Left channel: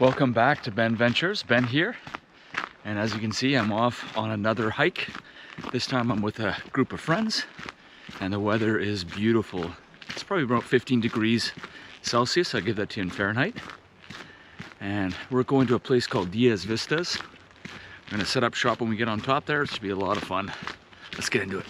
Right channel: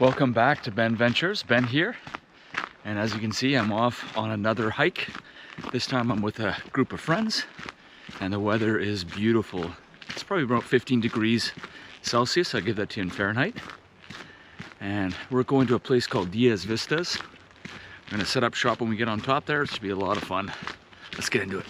Welcome back to Ben Ventures. Ben here, and as you can see, I'm off on another hike. This time I'm with a group of friends, and the weather is beautiful. It's probably about 15 degrees Celsius. I give that to you in Fahrenheit. And we're going to a place called Diaz Vistas. We're gonna set up shop when we get on top there. It should be a lot of fun. Let's get into it.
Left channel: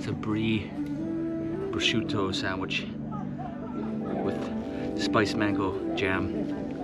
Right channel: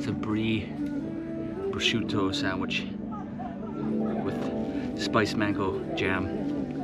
It's a brie prosciutto sandwich with spiced mango jam.